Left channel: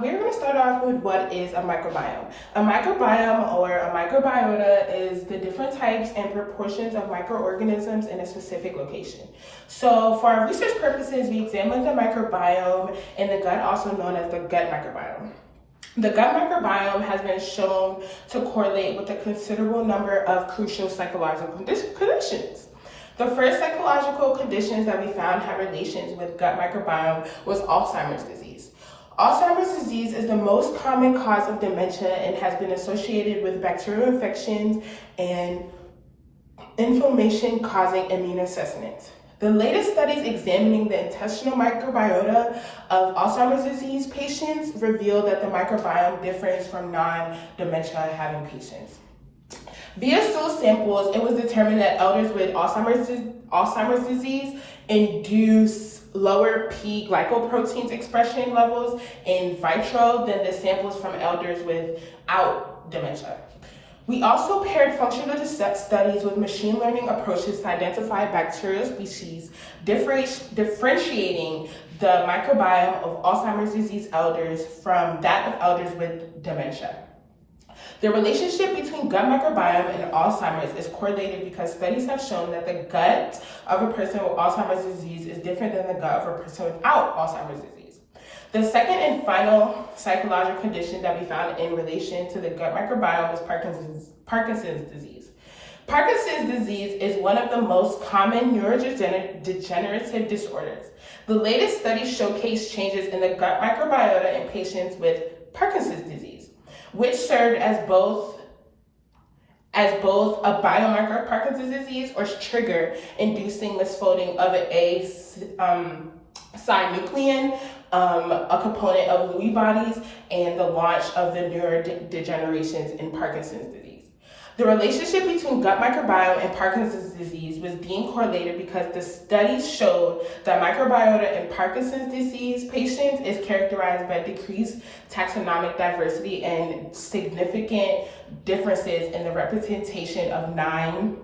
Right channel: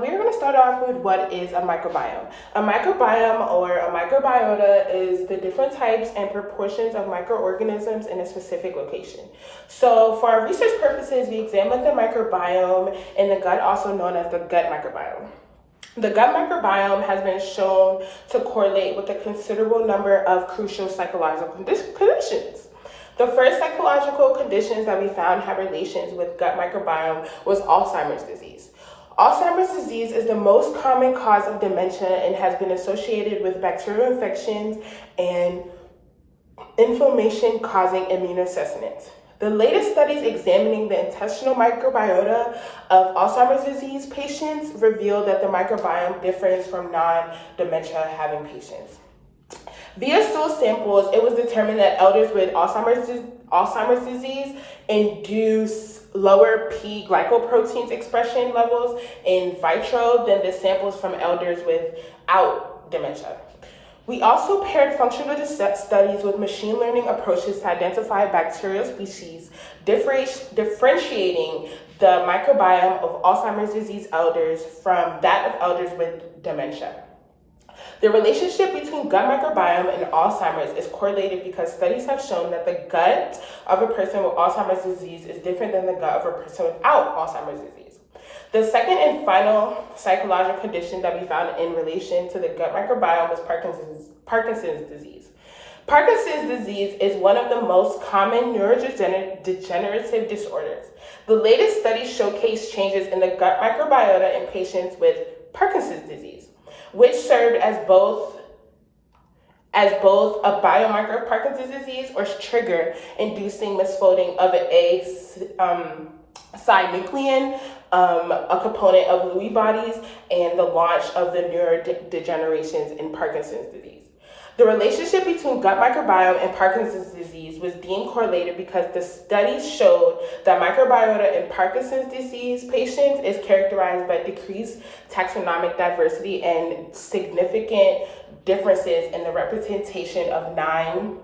we're going to start off with what is a microbiome. A microbiome or a microbiota is the different types and proportions of microorganisms in a specific location. So for our research purposes, we examined the microbiome in the gut, also known as the gut microbiome. The gut microbiome has been shown to correlate with a considerable number of crucial psychological conditions. The first psychological conditions that we found have relations with gut microbiome was Alzheimer's disease. Alzheimer's disease is the most common cause of dementia and has been associated with bacterial infections and inflammation causing immunosenescence. The latest studies examining the intestinal microbiota of Alzheimer's disease patients revealed that the microbiome differs from non-dementia having patients. Via stool samples, it was determined that elders with Alzheimer's disease induce lower P glycoproteins expression levels in vitro than the samples from elders without dementia. We also paired functional studies with machine learning approaches to identify bacterial species, differentiating the microbiome of Alzheimer's disease elders from that of elders with dementia. The relationship between gut microbiome and Alzheimer's is correlated because studies have shown that the gut of a person with Alzheimer's disease is different than the gut of a person without Alzheimer's disease. The second and final psychological condition that we found in relation to the gut microbiome is Parkinson's disease. Parkinson's disease is one of the most common neurodegenerative disorders. The latest studies showcase changes in the gut microbiota in patients with Parkinson's disease, which served as both a biomarker of Parkinson's disease or trigger inducing misfolding of a synuclein, a component of Lewy bodies, and the launch of the neurodegenerations in Parkinson's disease. The relationship between gut microbiome and Parkinson's disease was deemed correlated because the studies showed that microbiota in Parkinson's disease patients is characterized by decreased taxonomic diversity and significant differences in the representation of 9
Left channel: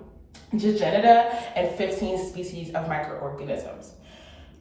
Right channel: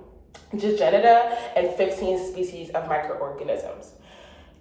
genera and 15 species of microorganisms.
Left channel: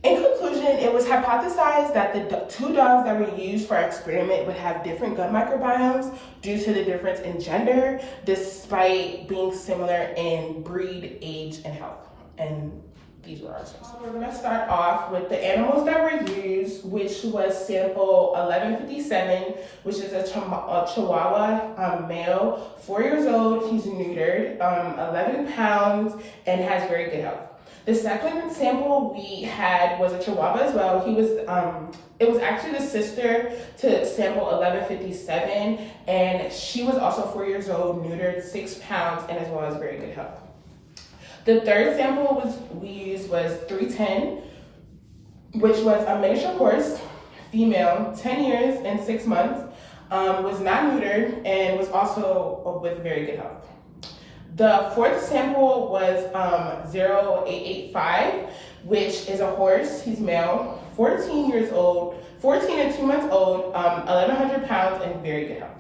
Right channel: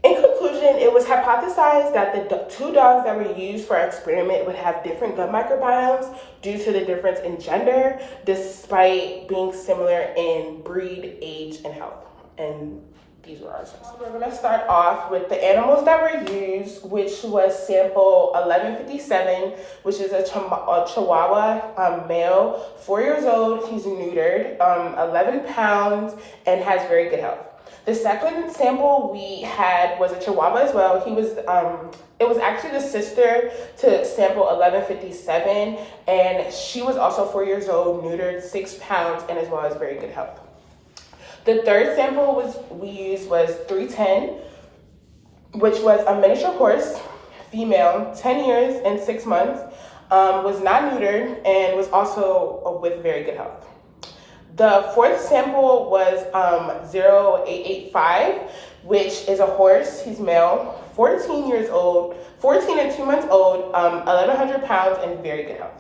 In conclusion, it was hypothesized that the 2 dogs that were used for our experiment would have different gut microbiomes due to the difference in gender, despite being similar in breed, age, and health. And these were our sources. We're going to start off with the animals that were used, which was sample 1157, which is a Chihuahua male, 4 years old. He's neutered, 11 pounds, and has very good health. The second sample we had was a Chihuahua as well. It was actually the sister to sample 1157, and she was also 4 years old, neutered, 6 pounds, and as well as very good health. The third sample we used was 310, which was a miniature horse, female, 10 years and 6 months, was not neutered, and was also with very good health. The fourth sample was 0885, which is a horse. He's male, 14 years old, 14 and 2 months old, 1,100 pounds, and very good health.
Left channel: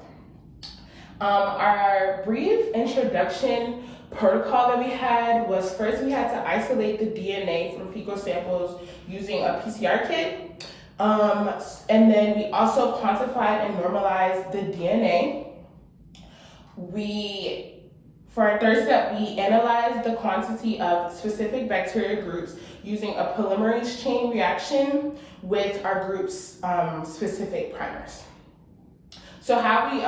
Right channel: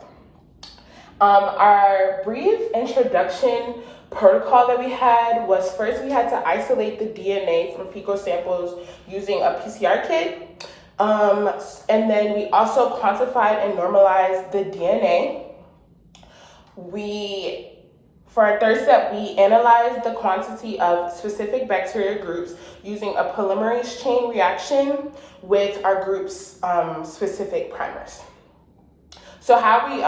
Our brief introduction protocol that we had was first we had to isolate the DNA from fecal samples using a PCR kit. And then we also quantified and normalized the DNA. For our third step, we analyzed the quantity of specific bacteria groups using a polymerase chain reaction with our group's specific primers. So how we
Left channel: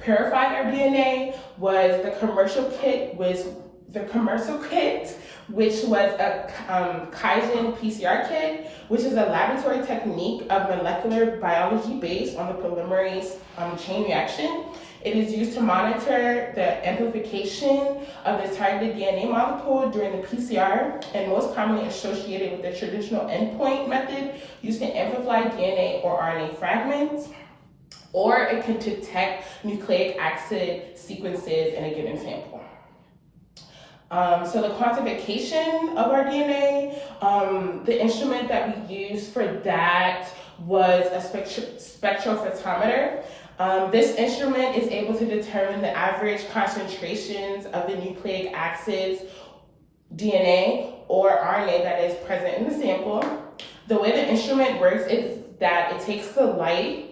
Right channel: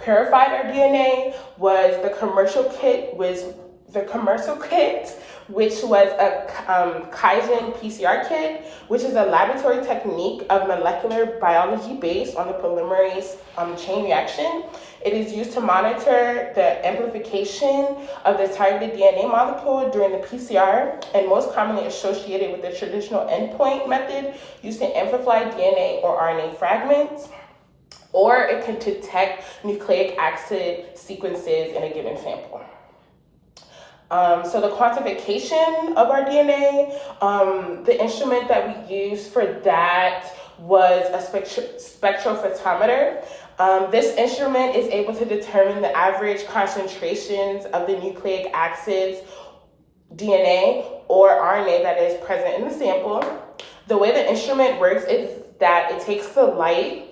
purified our DNA was the commercial kit, which was a Kaizen PCR kit, which is a laboratory technique of molecular biology based on the polymerase chain reaction. It is used to monitor the amplification of the targeted DNA molecule during the PCR, and most commonly associated with the traditional endpoint method used to amplify DNA or RNA fragments, or it can detect nucleic acid sequences in a given sample. So the quantification of our DNA, the instrument that we used for that was a spectrophotometer. This instrument is able to determine the average concentrations of the nucleic acids, DNA, or RNA that is present in the sample. The way the instrument works is that it takes the light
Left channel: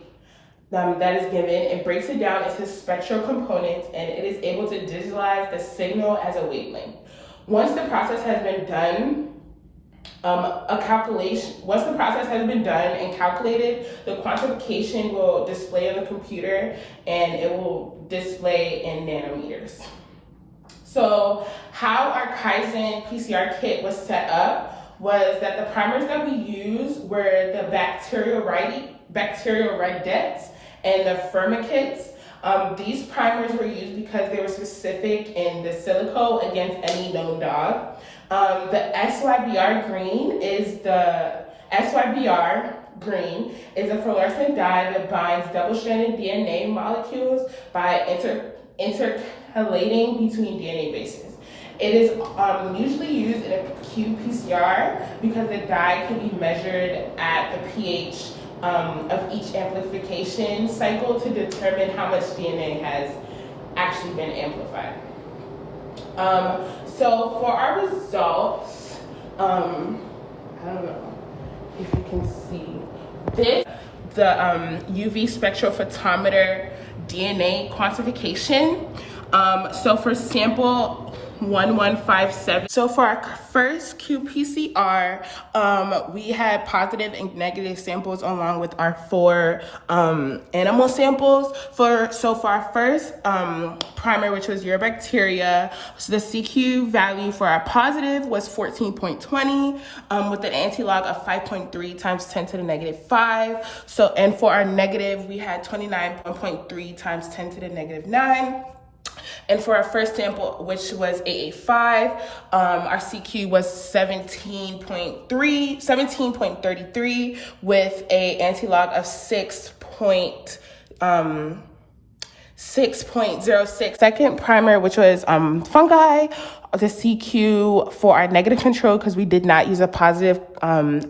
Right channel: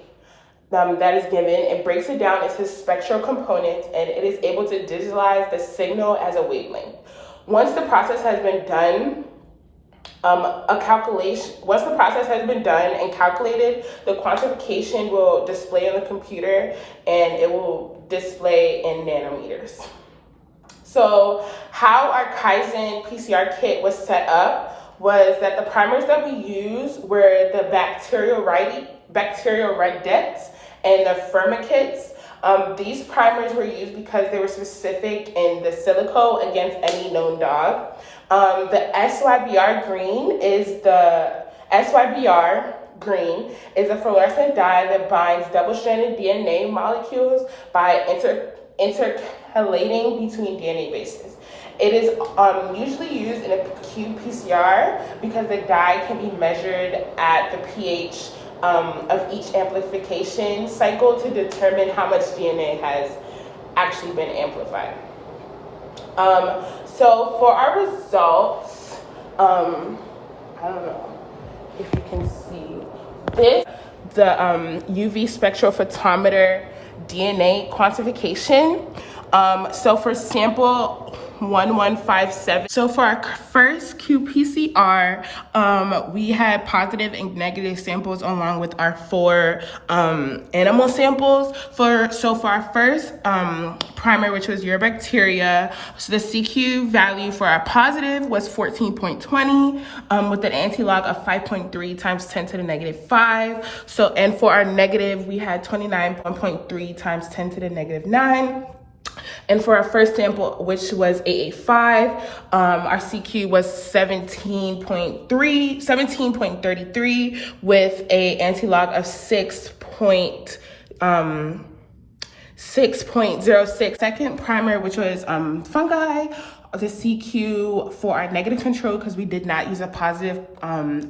that is given and breaks it down into spectral components, and it is able to digitalize the signal as a wavelength. Once the process has been done, once the process has been done and calculated, the quantification will display on the computer, and it will display in nanometers. So how our Kaizen PCR kit was set up was that the primers that we used were the bacteriorhydets and the firmicutes. These primers were used because they were specific in the silico against any known dog. The SYBR green is a fluorescent dye that binds double-stranded DNA molecules by intercalating between DNA bases. It is usually used in a qPCR because the dye can be measured at the pH of each amplification cycle to determine how much DNA has actually been amplified. So for our results, I don't know if you can see this, the UV spectrophotometer DNA quantification. So for sample 1157, so for our first qPCR, we had positive and negative samples along with our 4 animal samples. For our first primer, which was urobacteria, so the CQ value for our positive was 14.20 with an anti-log of 5.3 times 10 to the negative 5. So, and for our negative, we had 29.3 times 10 to the negative 9. And for our first sample, which was 885, our CQ was 17.33 with a anti-log of 6.06. Second primer, which was fungi, the CQ for our negative control, because we did not use a positive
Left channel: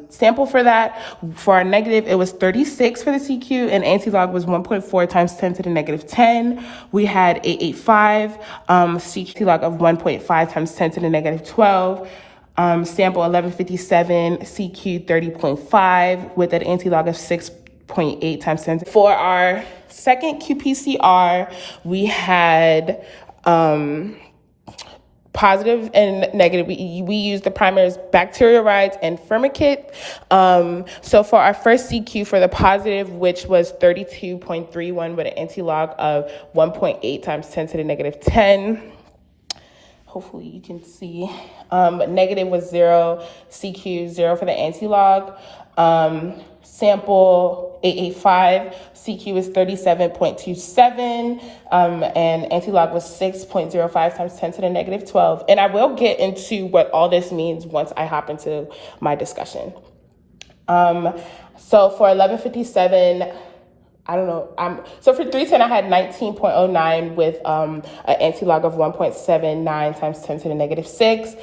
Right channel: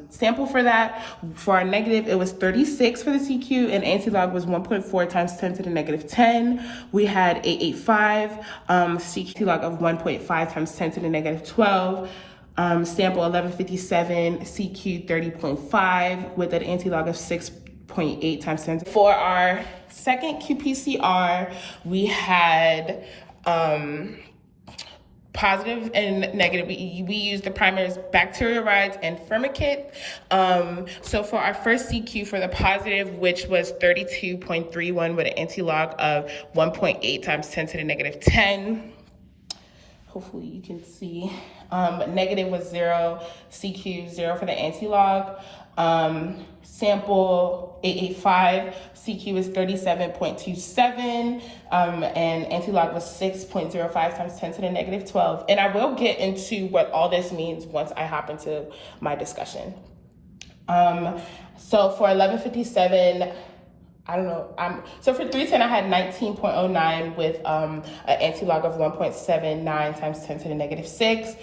sample for that. For our negative, it was 36 for the CQ, and anti-log was 1.4 times 10 to the negative 10. We had 885, CQ log of 1.5 times 10 to the negative 12. Sample 1157, CQ 30.5 with an anti-log of 6.8 times 10. For our second qPCR, we had positive and negative. We used the primers bacteriorhides and firmicute. So for our first CQ for the positive, which was 32.31 with an anti-log of 1.8 times 10 to the negative 10. Hopefully you can see. Negative was 0, CQ 0 for the anti-log. Sample 885, CQ is 37.27, and anti-log was 6.05 times 10 to the negative 12. And I will get into what all this means once I hop into my discussion. So for 1157, so for 310, I had 19.09 with an anti-log of 1.79 times 10 to the negative 6,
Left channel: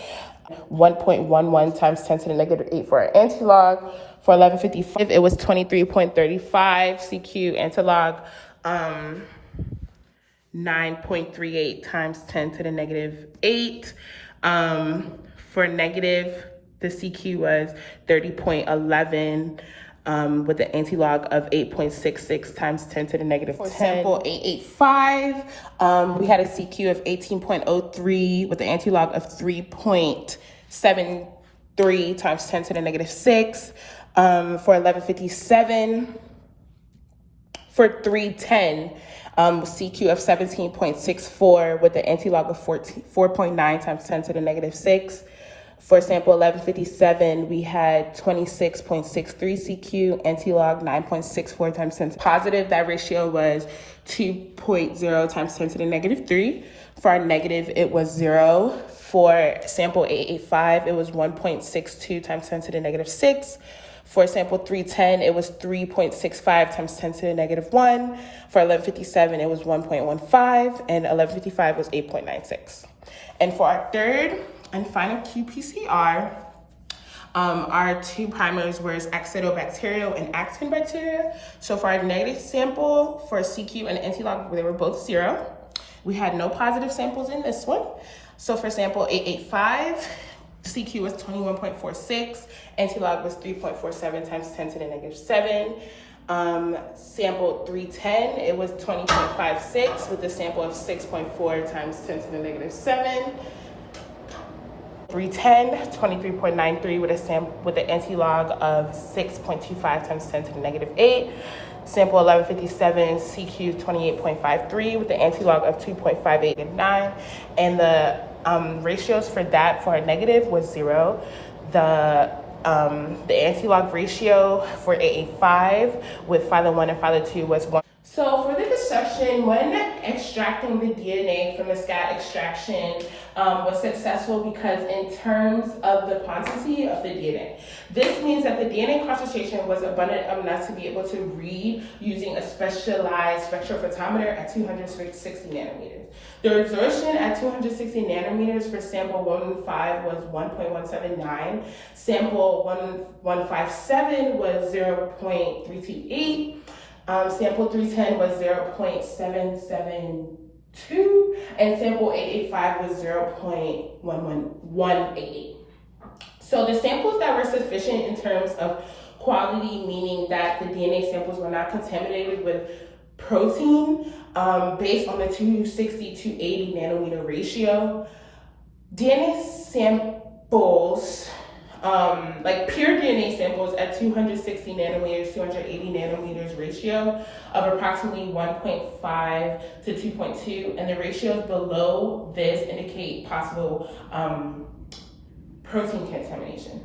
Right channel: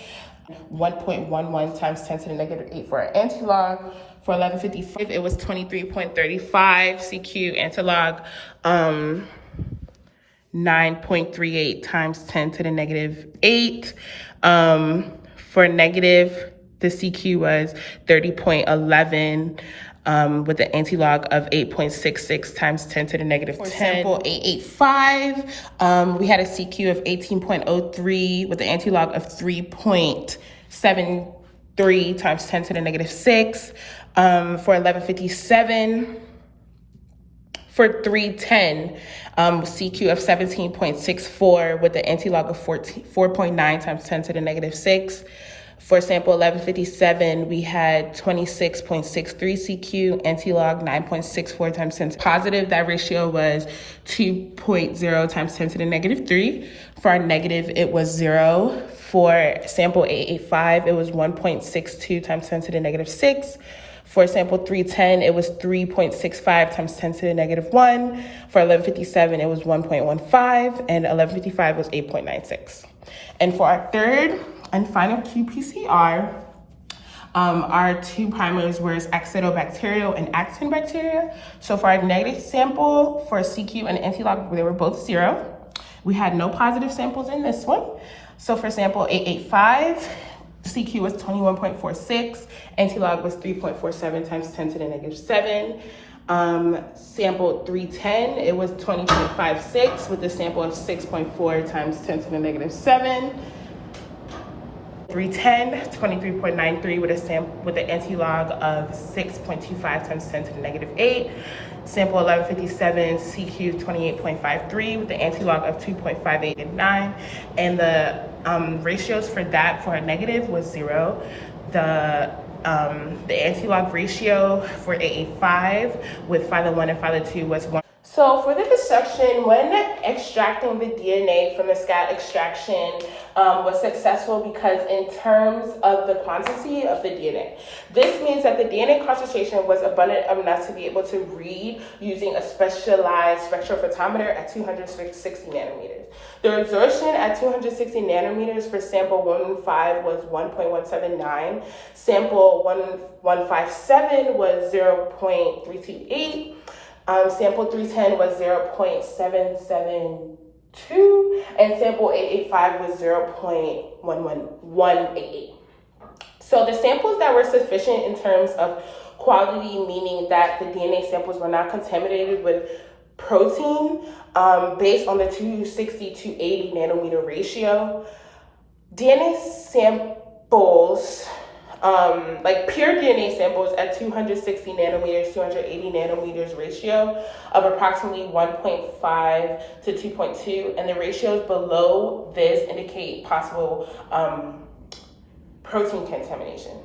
1.11 times 10 to the negative 8 for our anti-log. For 1155, it was 23.35 CQ anti-log, 9.38 times 10 to the negative 8. For negative, the CQ was 30.11 with an anti-log of 8.66 times 10 to the negative 10. For 885, we had a CQ of 18.03 with an anti-log of 3.73 times 10 to the negative 6. For 1157, for 310, CQ of 17.64 with the anti-log of 4.9 times 10 to the negative 6. For sample 1157, we had 26.63 CQ, anti-log 9.64 times 10 to positive. That ratio was 2.0 times 10 to the negative 3. For our negative, it was 0. For sample 885, it was 1.62 times 10 to the negative 6. For sample 310, it was 3.65 times 10 to the negative 1. For 1157, it was 1.15, and 1155 was 8.96. And for our third and final qPCR, our 2 primers were Actinobacterial and Actin bacteria. So for our negative sample for CQ and anti-log, they were both 0. We had no positive samples in this one. So for sample 885, CQ was 21.46, anti-log was 3.47 times 10 to the negative 7. Sample 310, it was 20.56 with a sample of 6.4 times 10 to the negative 7. 310, 23.93 with an anti-log of 6.25 times 10 to the negative 8. Sample 1157, CQ 28.53 with an anti-log of 2.589. And the ratios for that for a negative was 0. The anti-log ratio for AA5 with phyla1 and phyla2 was 1. So for the dissection, when extracting the DNA from the scat extraction was successful because in terms of the quantity of the DNA. This means that the DNA concentration was abundant enough to be able to read using a specialized spectrophotometer at 260 nanometers. The absorption at 260 nanometers for sample 115 was 1.179, sample 1157 was 0.328, sample 310 was 0.772, and sample 885 was 0.11188. So the samples that were sufficient in terms of quality, meaning that the DNA samples were not contaminated with protein, based on the 260 to 80 nanometer ratio. DNA samples, like pure DNA samples at 260 nanometers, 280 nanometers ratio of approximately 1.5 to 2.2, and the ratios below this indicate possible protein contamination.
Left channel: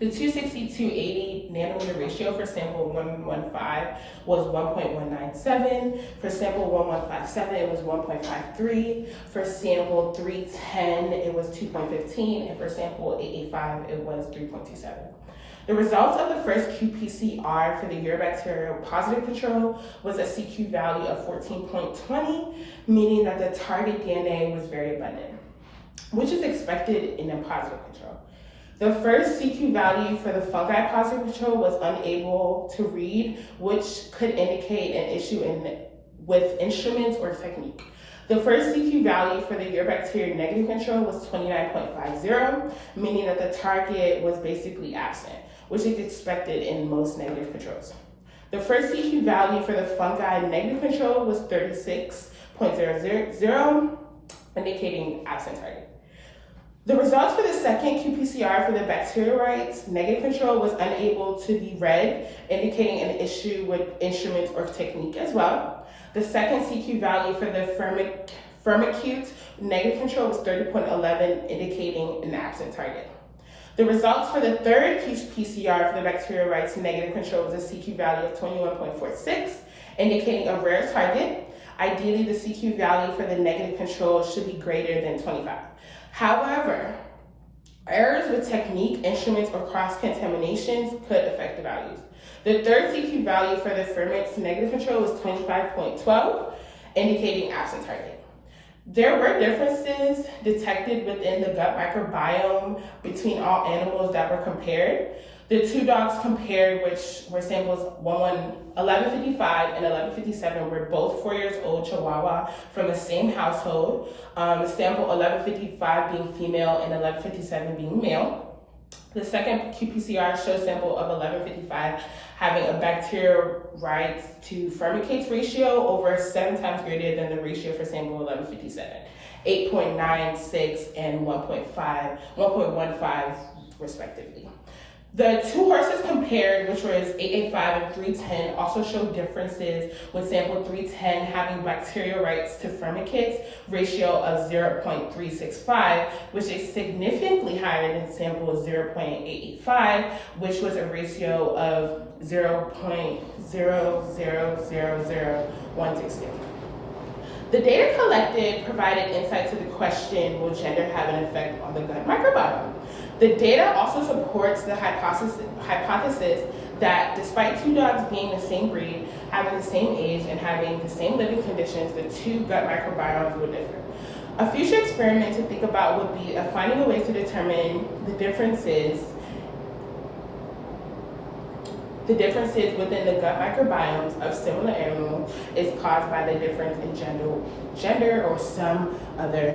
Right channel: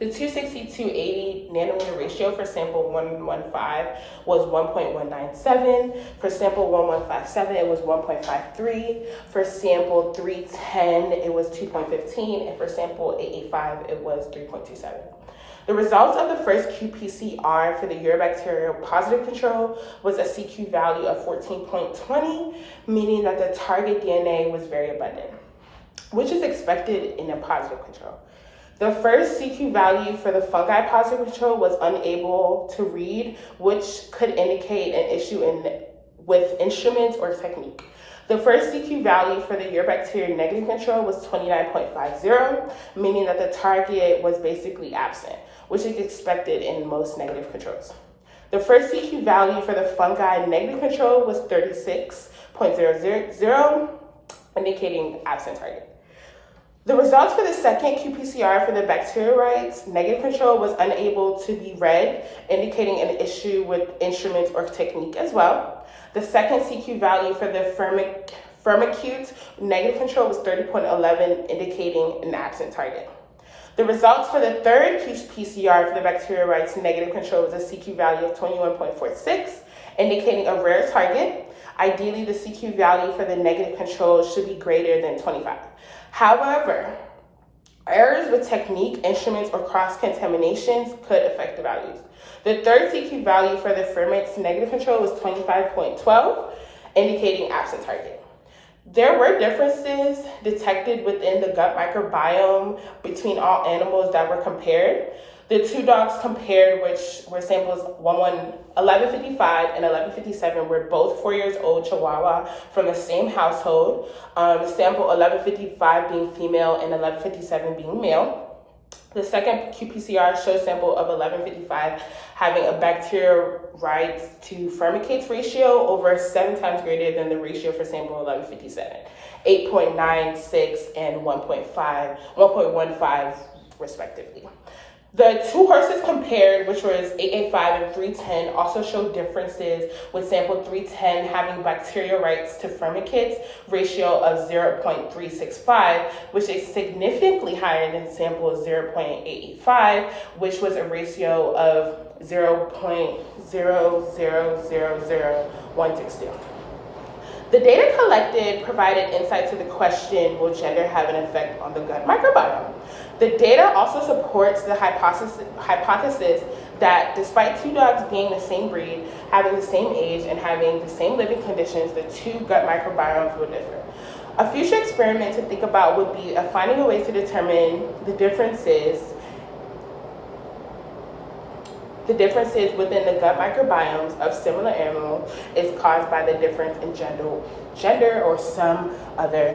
The 260 to 80 nanometer ratio for sample 115 was 1.197. For sample 1157, it was 1.53. For sample 310, it was 2.15. And for sample 885, it was 3.27. The results of the first qPCR for the urobacterial positive control was a CQ value of 14.20, meaning that the target DNA was very abundant, which is expected in a positive control. The first CQ value for the fungi positive control was unable to read, which could indicate an issue with instruments or technique. The first CQ value for the urobacteria negative control was 29.50, meaning that the target was basically absent, which is expected in most negative controls. The first CQ value for the fungi negative control was 36.00, indicating absent target. The results for the second qPCR for the bacteriorides negative control was unable to be read, indicating an issue with instruments or technique as well. The second CQ value for the firmicute negative control was 30.11, indicating an absent target. The results for the third qPCR for the bacteriorides negative control was a CQ value of 21.46, indicating a rare target. Ideally, the CQ value for the negative control should be greater than 25. However, errors with technique, instruments, or cross-contaminations could affect the values. The third CQ value for the ferments negative control was 25.12, indicating absent target. There were differences detected within the gut microbiome between all animals that were compared. The two dogs compared, which were samples 1155 and 1157, were both 4 years old Chihuahua from the same household. Sample 1155 being female and 1157 being male. The second qPCR shows sample of 1155 having a bacteriorides to firmicates ratio over 7 times greater than the ratio for sample 1157, 8.96 and 1.15 respectively. The two horses compared, which was 885 and 310, also showed differences with sample 310 having bacteriorides to firmicates ratio of 0.365, which is significantly higher than sample 0.885, which was a ratio of 0.0000162. The data collected provided insight to the question, will gender have an effect on the gut microbiome? The data also supports the hypothesis that despite two dogs being the same breed, having the same age, and having the same living conditions, the two gut microbiomes will differ. A future experiment to think about would be finding a way to determine the differences within the gut microbiomes of similar animals is caused by the difference in gender or some other